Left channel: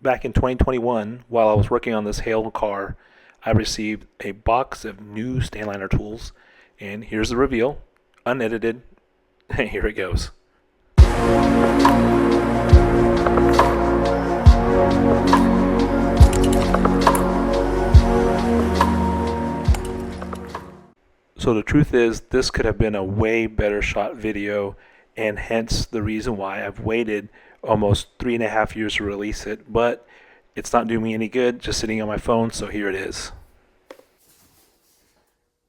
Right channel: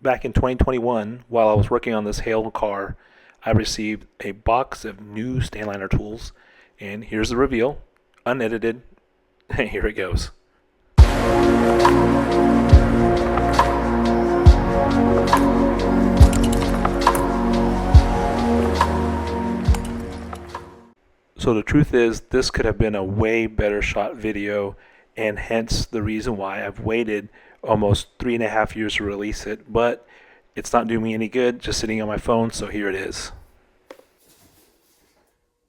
Back in 2021, while I was working on this hail car, I received a box of new Stanliner tools, and here's the reveal, unedited. Here it goes. So the truth is, this could have been a way better shot video, and hence the reason why I've waited almost 3.5 years to release it, but it's not doing me any good just sitting on my phone, so here it is.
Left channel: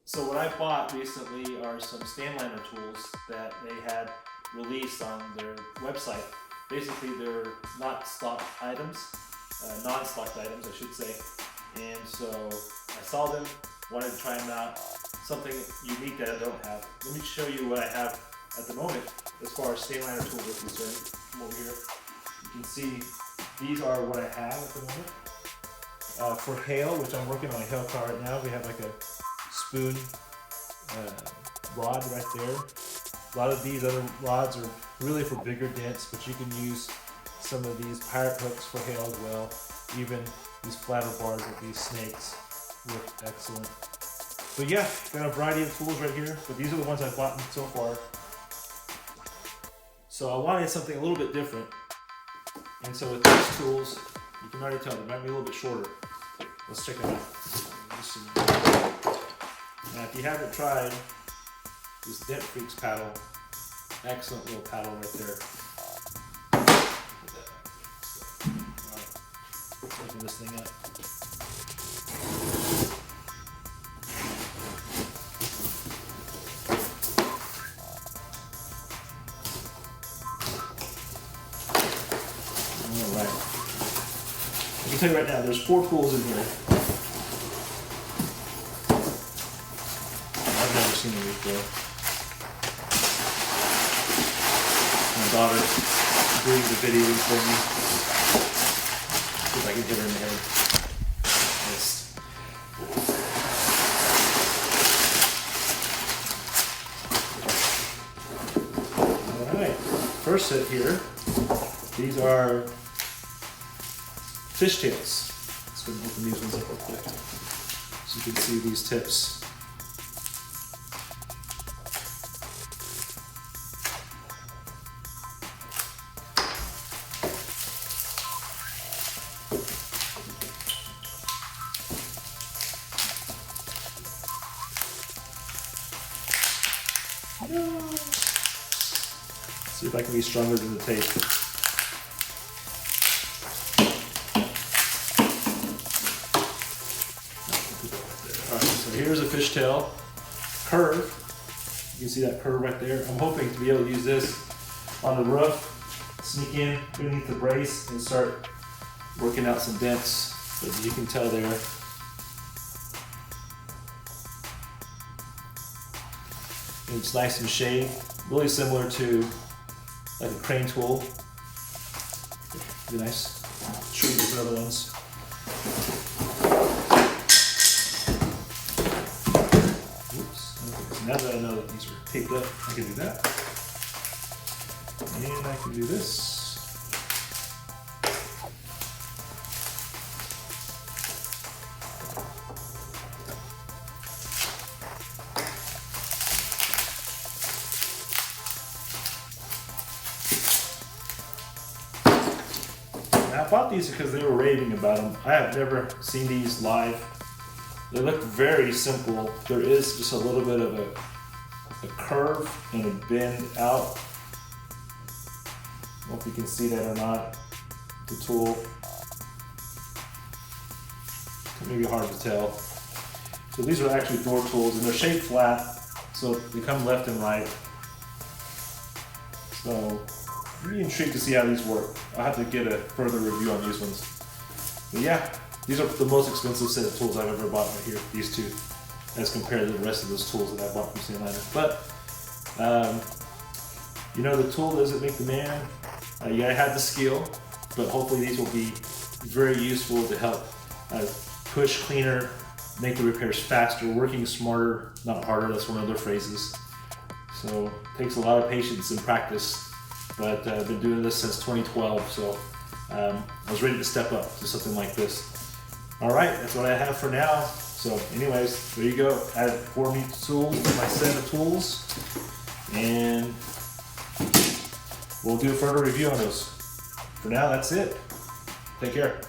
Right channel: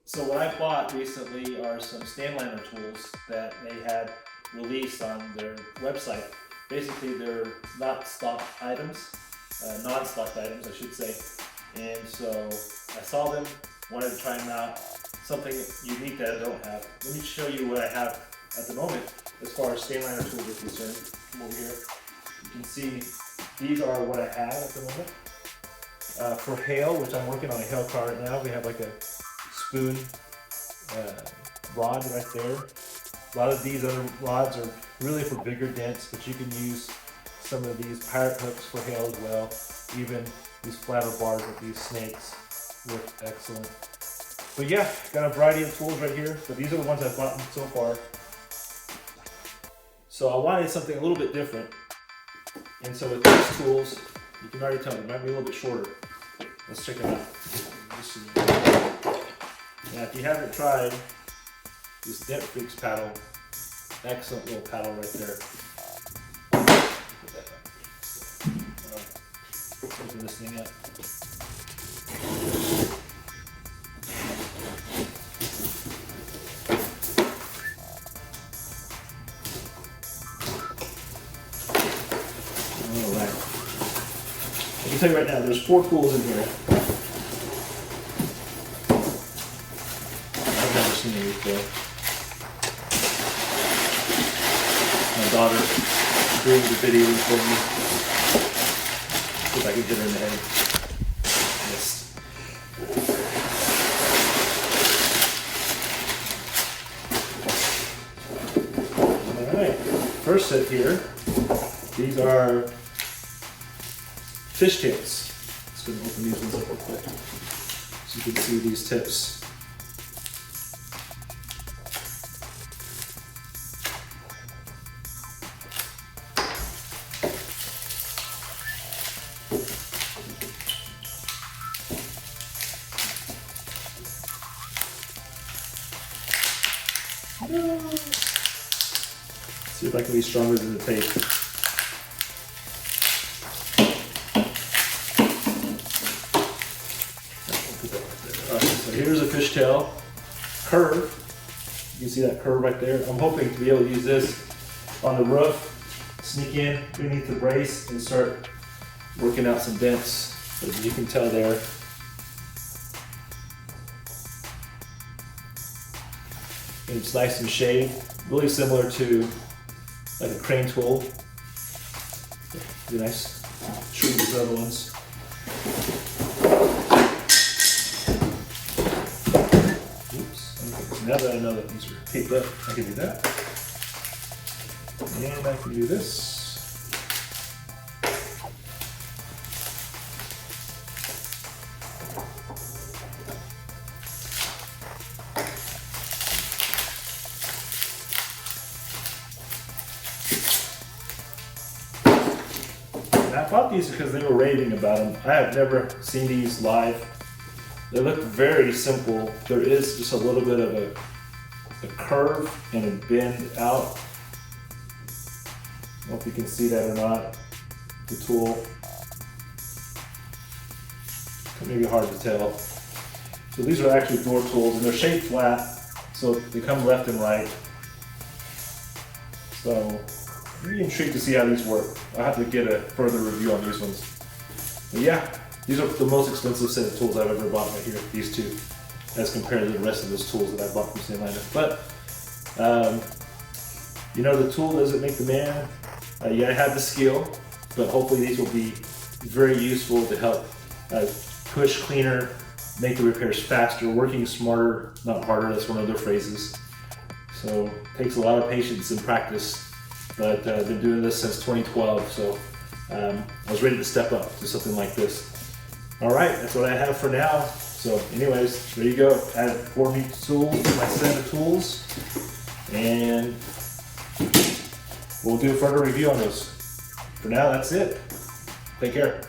So what I bought recently are some Stanliner tools that they had released on their website. Basically, they're not stock items, non-stock items, I should say. And so I saw them, wanted to try them out. Something unique that I don't have. Let me show you what I have at the moment as far as Stanliner tools are concerned. Come over here. You can see these are what I have at the moment. For hail, which I'm working on a hail car right now, we have like a spoon rod right there. A lot of these other rods are really for bigger dents, but you can use some of these pirate hooks for hail as well. Even these flatter bars like these snakes work excellent. So yeah, got a variety of tools right here, but these are the ones I've bought so far. So I wanted something a little bit different. And so with these tools, you can already tell they might be a little bit shorter. Let's check it out. Now if you haven't tried this Dent Freaks paddle, excellent little paddle right there. Open this thing up. Alright. I can tell you right now, there's 4 tools in here. I've never seen it before. My daughter doing the video for me. See if I can hit her in the head. Yes. Alright. First set here. These are fishtails. Let's go and open these ones up real quick so you can see these tips. See if I can be stronger than the tape. Alright, so here's a fishtail curve. You can see that curve right there. I'm hoping to be able to use this on the roof, sneak in beneath the brace and start working out some dents. But you can tell there. It's nice and shaved, really similar to like a crane tool. Really nice. Treat these other ones. Oops. Now that I know that these are taped up, I can do that. And I can do this. I bought these because they were raving about them. I have never seen these live. They look very simple. There is just a little bit of a curve and a bend out. I don't know if you can see that or not. The tool. Maybe hard to tell. So these are actually door tools and they're shaped flat, so they come left and right. So I'm really intrigued to see how these work. I'll have to get a further review on these ones. But yeah, these are the most expensive set of tools I've ever bought right here, these two, as compared to the rest of those tools that I bought from Stanliner. But, you know, the tool doesn't make the man. Yeah, I have the skill, but hopefully these will be very useful to help push cleaner, make the repairs faster, working smarter, not harder. That's one of their phrases. So it takes a lot of patience and practice. But I've been doing this since 2012, so I was ready to step up to something like this. All right, that's what I have for now. So anyways, there you go. Added 4 new tools to my set of tools, and we'll do a further review on those. For now, that's it. Take care.